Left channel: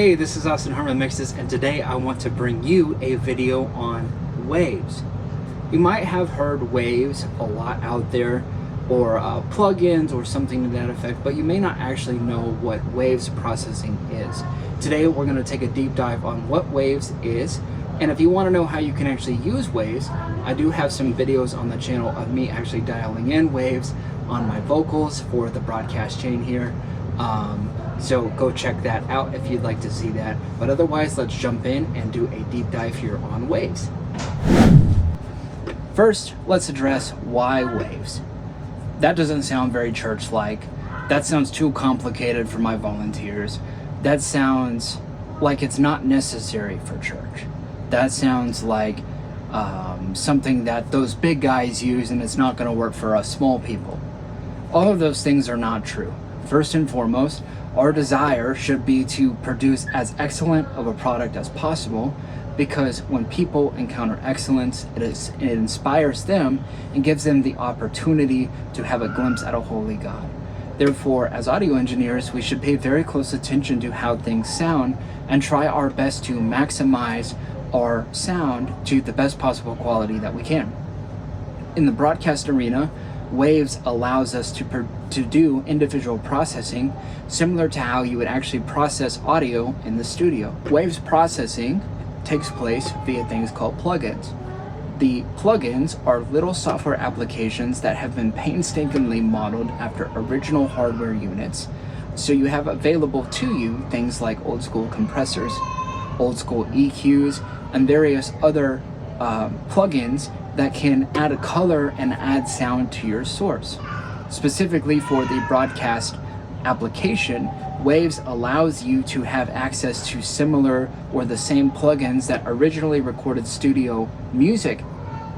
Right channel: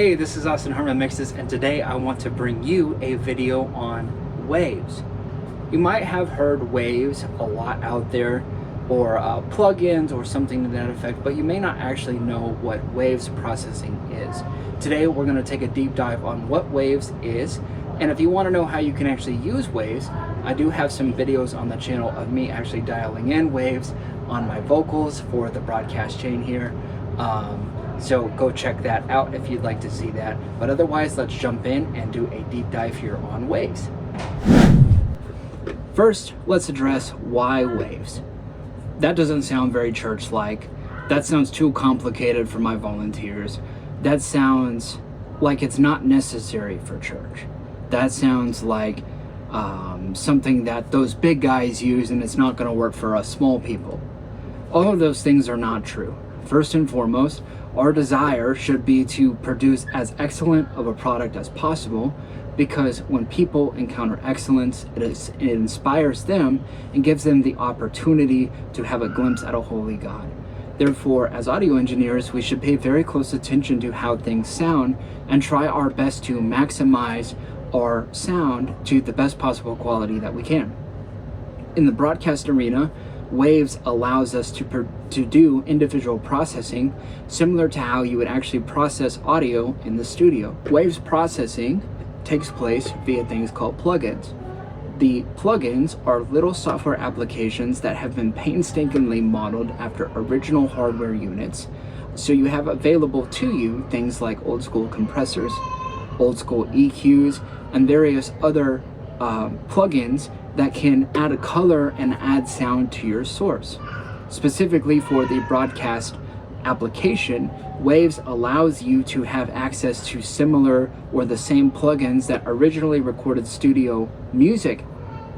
Hey, this is Austin Harman Mixes, and today I want to bring you a video on waves. You might have heard waves a lot out there, or plugins or something to that effect, but you may not actually know what waves processing is. Today we're going to take a deep dive on what waves is, and if you want to know how you can actually use waves, I do have some videos on the channel of me actually dialing in waves on my vocals for the broadcast chain here. So go check that out if you'd like to see that. But otherwise, let's jump in and do a deep dive here on waves. First, let's address why waves. That doesn't sound very church-like. That sounds too complicated for my volunteers. That sounds like it's not necessary for church. That sounds like something that those big guys use and it's not going to work for us small people. All of those things are not true. First and foremost, our desire should be to produce as excellent of a product as possible, because when people encounter excellence, it inspires them and gives them the opportunity to have a glimpse at a holy God. Therefore, as audio engineers, we should pay very close attention to how things sound and try our best to maximize our sound to the best possible quality that we can. In the broadcast arena, waves allows us to do individual processing, similar to how you would actually process audio in the studio. Waves processing takes place via things called plugins. The plugins are little software applications that have been painstakingly modeled after original hardware units. So you have available to you things like old school compressors, old school EQs, and various other plugins that can add a color and add sound to your source. Specifically for the broadcast application, Waves allows you to have access to similar or the same plugins that originally recorded studio music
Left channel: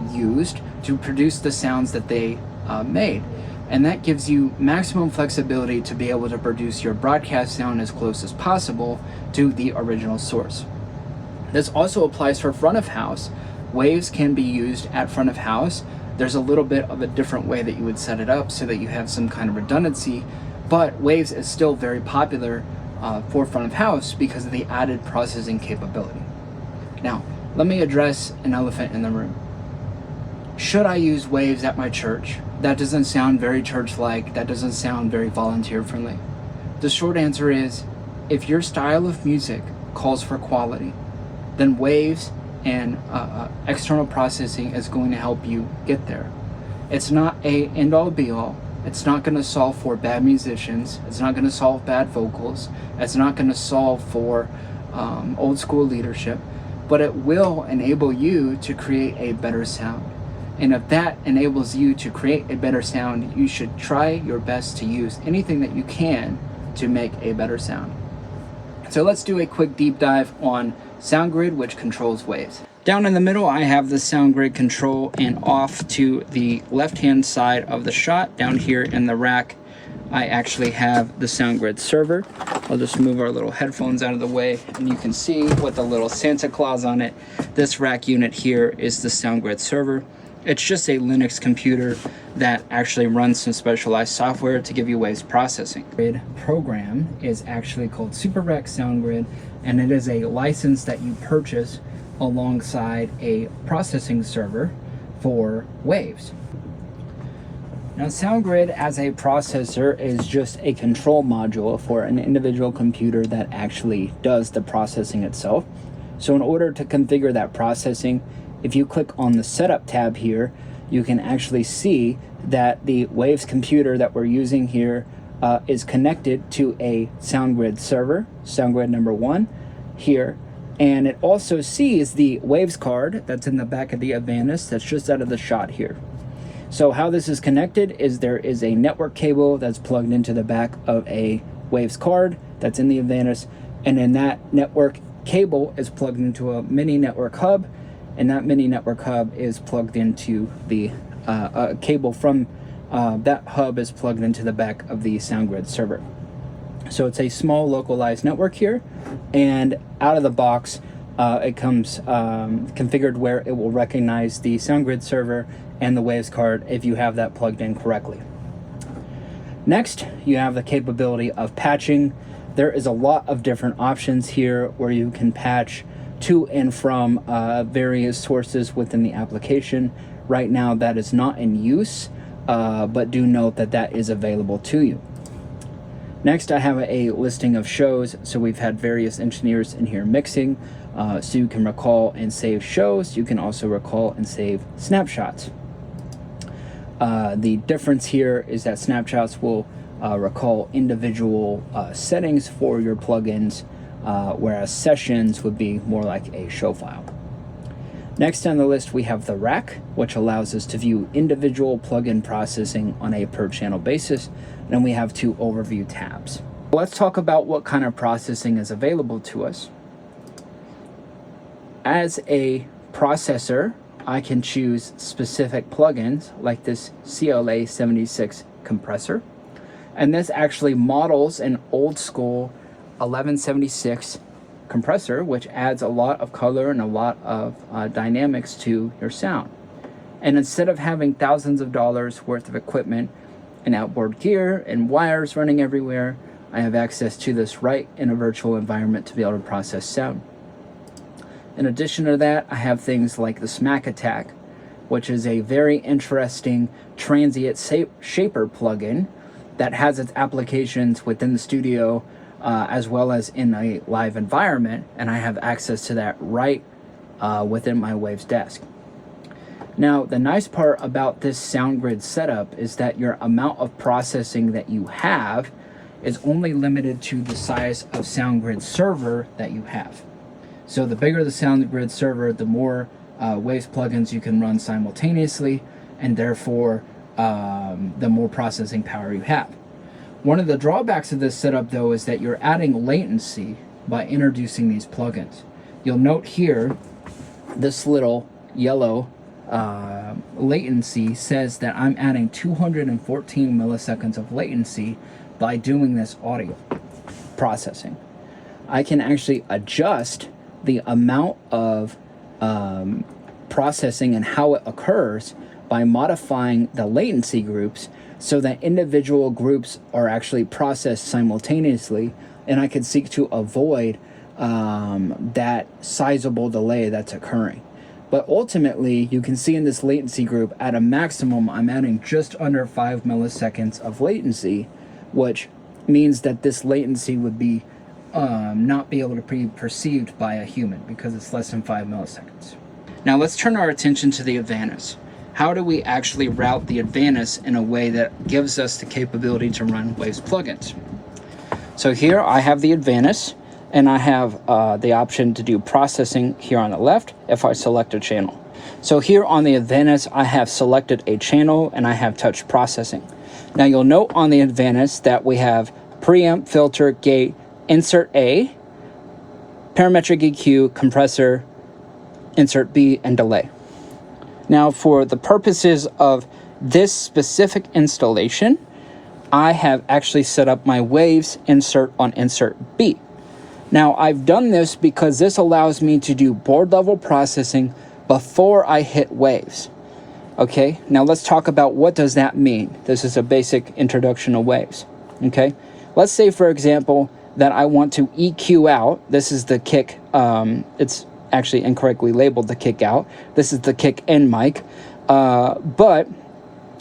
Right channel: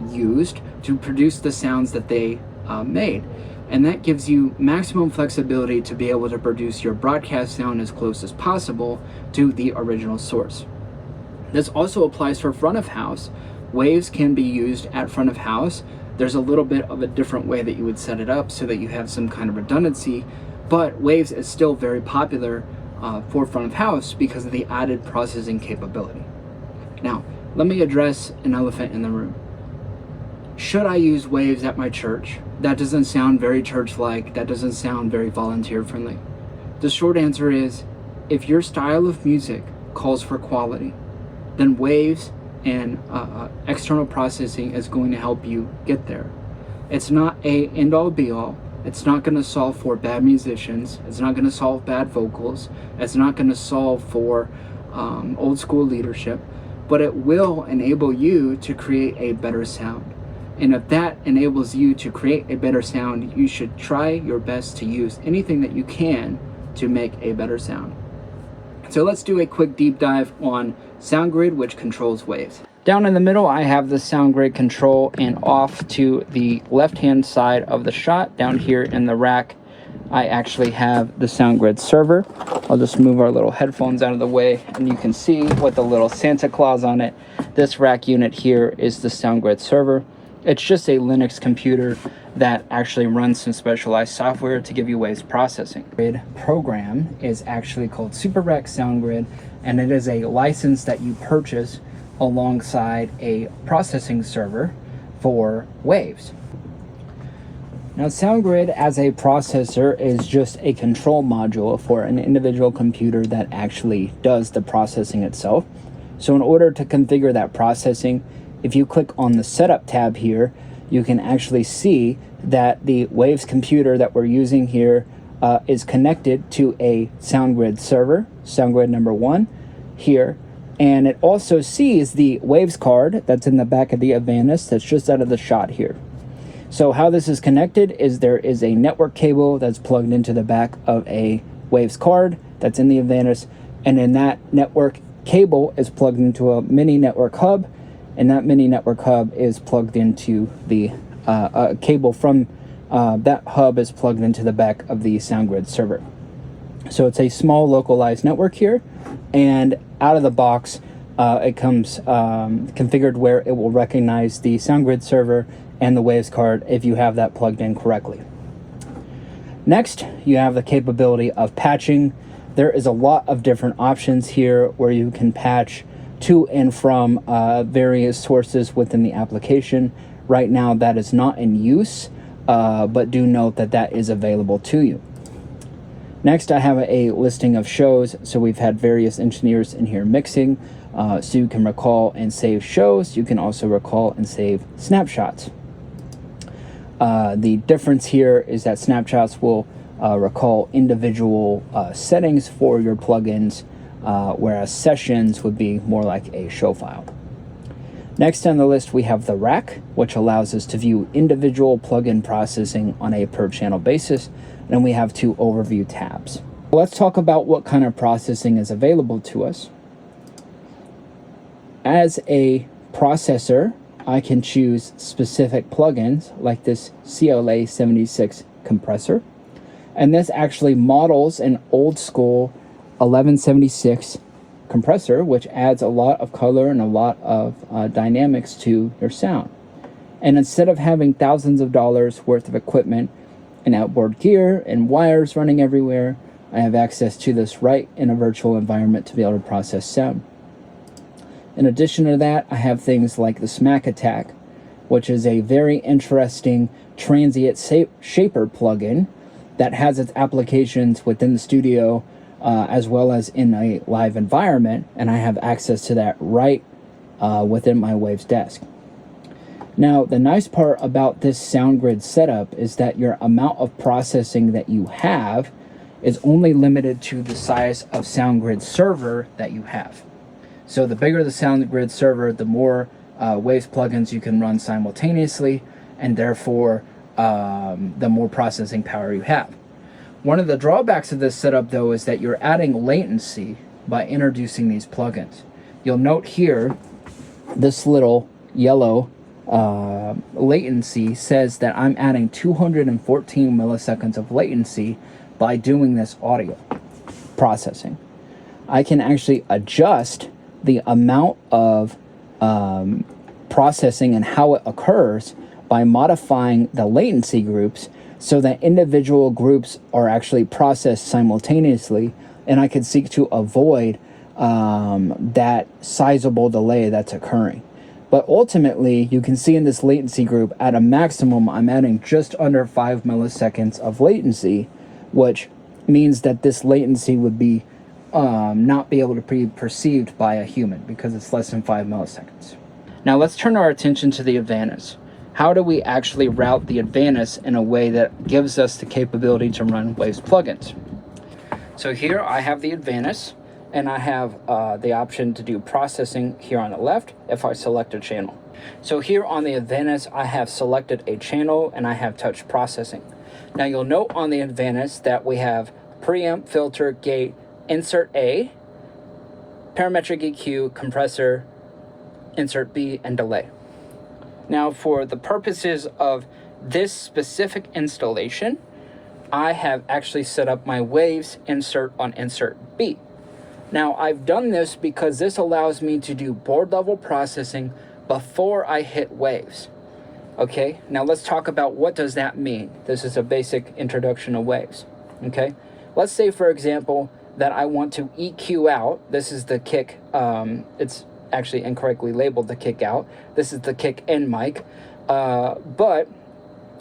used to produce the sounds that they made. And that gives you maximum flexibility to be able to produce your broadcast sound as close as possible to the original source. This also applies for front of house. Waves can be used at front of house. There's a little bit of a different way that you would set it up so that you have some kind of redundancy, but waves is still very popular for front of house because of the added processing capability. Now, let me address an elephant in the room. Should I use waves at my church? That doesn't sound very church-like. That doesn't sound very volunteer-friendly. The short answer is, if your style of music calls for quality, then waves and external processing is going to help you get there. It's not a end-all be-all. It's not going to solve for bad musicians. It's not going to solve bad vocals. It's not going to solve for old school leadership, but it will enable you to create a better sound. And if that enables you to create a better sound, you should try your best to use anything that you can to make a better sound. So let's do a quick deep dive on sound grid, which controls waves. Down in the middle, I have the sound grid control, and off to the left-hand side of the shot, down here in the rack, I actually have the sound grid server. I'll just move our little headphones out of the way, and you can see with the little Santa Claus on it. This rack unit here is the sound grid server. It's just a Linux computer that actually runs some specialized software to give you waves processing. Grid program is actually called SuperRec Sound Grid, and it is a license that you purchase alongside a processing server for waves. Now, SoundGrid as a processor is just a control module for an individual computer that actually does the processing itself. So in order to configure that processing, if you click on the setup tab here, you can actually see that the Waves computer that we're using here is connected to a SoundGrid server, SoundGrid number 1 here, and it also sees the Waves card that's in the back of the Avantis that's just out of the shot here. So how this is connected is there is a network cable that's plugged into the back of a Waves card that's in the Avantis, and then that network cable is plugged into a mini network hub, and that mini network hub is plugged into the cable from that hub is plugged into the back of the SoundGrid server. So it's a small localized network here, and out of the box it comes configured where it will recognize the SoundGrid server and the Waves card if you have that plugged in correctly. Next, you have the capability of patching There is a lot of different options here where you can patch to and from various sources within the application. Right now that is not in use, but do note that that is available to you. Next, I have a listing of shows. So we've had various engineers in here mixing, so you can recall and save shows. You can also recall and save snapshots. The difference here is that snapshots will recall individual settings for your plugins, whereas sessions would be more like a show file. Next on the list, we have the rack, which allows us to view individual plugin processing on a per channel basis. And we have 2 overview tabs. Let's talk about what kind of processing is available to us. As a processor, I can choose specific plugins like this CLA 76 compressor. And this actually models an old school 1176 compressor, which adds a lot of color and a lot of dynamics to your sound. And instead of having thousands of dollars worth of equipment and outboard gear and wires running everywhere, I have access to this right in a virtual environment to be able to process sound. In addition to that, I have things like the Smack Attack, which is a very interesting transient shaper plugin that has its applications within the studio as well as in a live environment, and I have access to that right within my Waves desk. Now, the nice part about this SoundGrid setup is that your amount of processing that you have is only limited to the size of SoundGrid server that you have. So the bigger the SoundGrid server, the more Waves plugins you can run simultaneously, and therefore the more processing power you have. One of the drawbacks of this setup, though, is that you're adding latency by introducing these plugins. You'll note here, this little yellow latency says that I'm adding 214 milliseconds of latency by doing this audio processing. I can actually adjust the amount of processing and how it occurs by modifying the latency groups so that individual groups are actually processed simultaneously, and I can seek to avoid that sizable delay that's occurring. But ultimately, you can see in this latency group, at a maximum, I'm adding just under 5 milliseconds of latency, which means that this latency would be not be able to be perceived by a human because it's less than 5 milliseconds. Now let's turn our attention to the Avantis. How do we actually route the Avantis in a way that gives us the capability to run Waves plugins? So here I have the Avantis, and I have the option to do processing here on the left if I select a channel. So here on the Avantis, I have selected a channel and I have touch processing. Now you'll note on the Avantis that we have preamp, filter, gate, insert A, parametric EQ, compressor, insert B, and delay. Now for the purposes of this specific installation, I have actually set up my Waves insert on insert B. Now I've done this because this allows me to do board level processing before I hit Waves. Okay, now let's talk about what does that mean. This is a basic introduction to Waves. Okay, let's say for example that I want to EQ out. This is the kick, it's actually incorrectly labeled the kick out. This is the kick in mic, but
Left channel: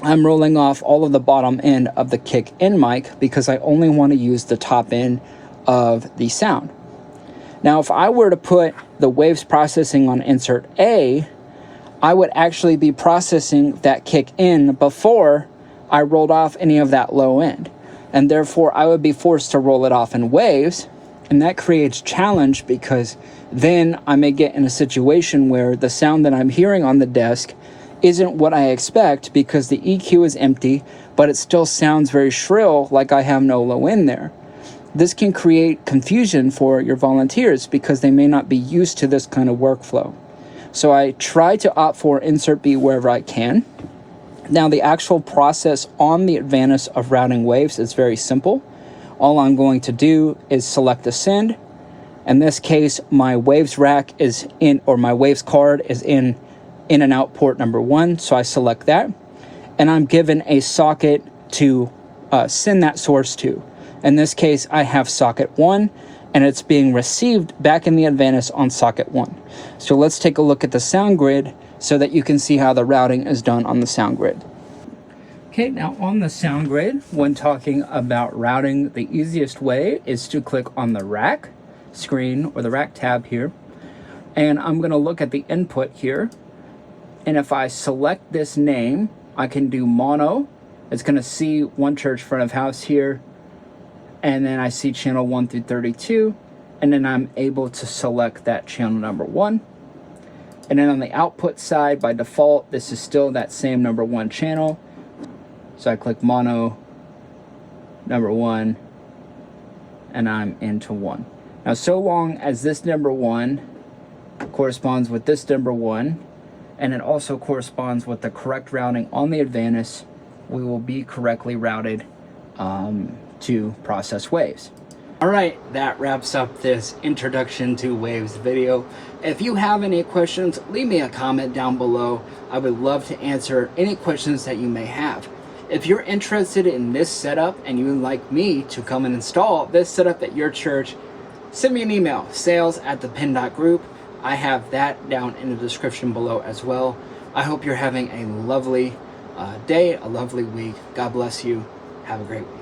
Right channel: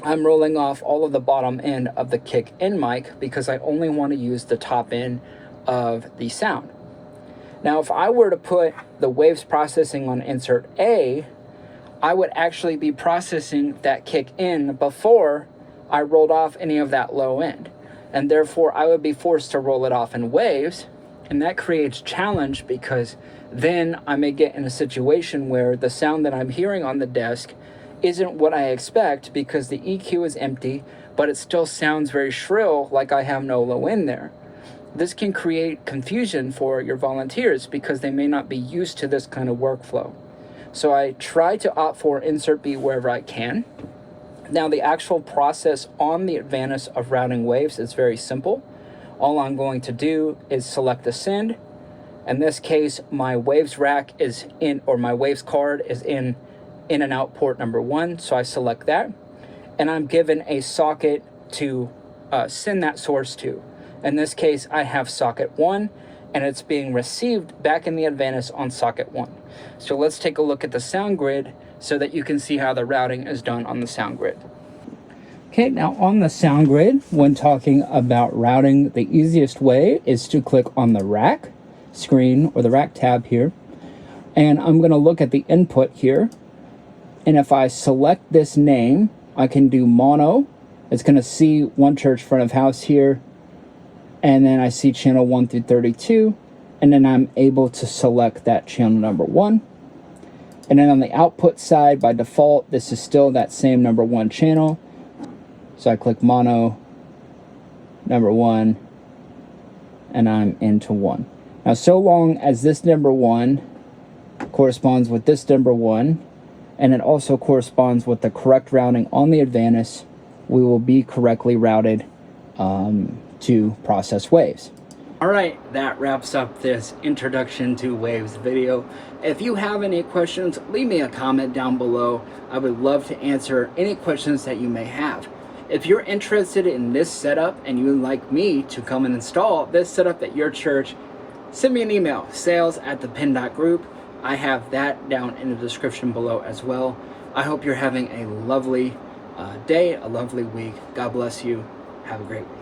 I'm rolling off all of the bottom end of the kick in mic because I only want to use the top end of the sound. Now, if I were to put the Waves processing on insert A, I would actually be processing that kick in before I rolled off any of that low end. And therefore, I would be forced to roll it off in Waves. And that creates challenge because then I may get in a situation where the sound that I'm hearing on the desk isn't what I expect because the EQ is empty, but it still sounds very shrill like I have no low end there. This can create confusion for your volunteers because they may not be used to this kind of workflow. So I try to opt for insert B wherever I can. Now the actual process on the Avantis of routing Waves is very simple. All I'm going to do is select the send. In this case, my Waves rack is in, or my Waves card is in and out port number 1. So I select that, and I'm given a socket to send that source to. In this case, I have socket 1, and it's being received back in the Avantis on socket 1. So let's take a look at the sound grid so that you can see how the routing is done on the sound grid. Okay, now on the sound grid, when talking about routing, the easiest way is to click on the rack screen or the rack tab here. And I'm going to look at the input here. And if I select this name, I can do mono. It's going to see One Church front of house here. And then I see channel 1 through 32. And then I'm able to select that channel number 1. And then on the output side, by default, this is still that same number 1 channel. So I click mono, number 1, and I'm into 1. Now, so long as this number 1 corresponds with this number 1, and it also corresponds with the correct routing on the Avantis, we will be correctly routed to process waves. All right, that wraps up this introduction to waves video. If you have any questions, leave me a comment down below. I would love to answer any questions that you may have. If you're interested in this setup and you would like me to come and install this setup at your church, send me an email, sales@thepenn.group. I have that down in the description below as well. I hope you're having a lovely day, a lovely week. God bless you. Have a great week.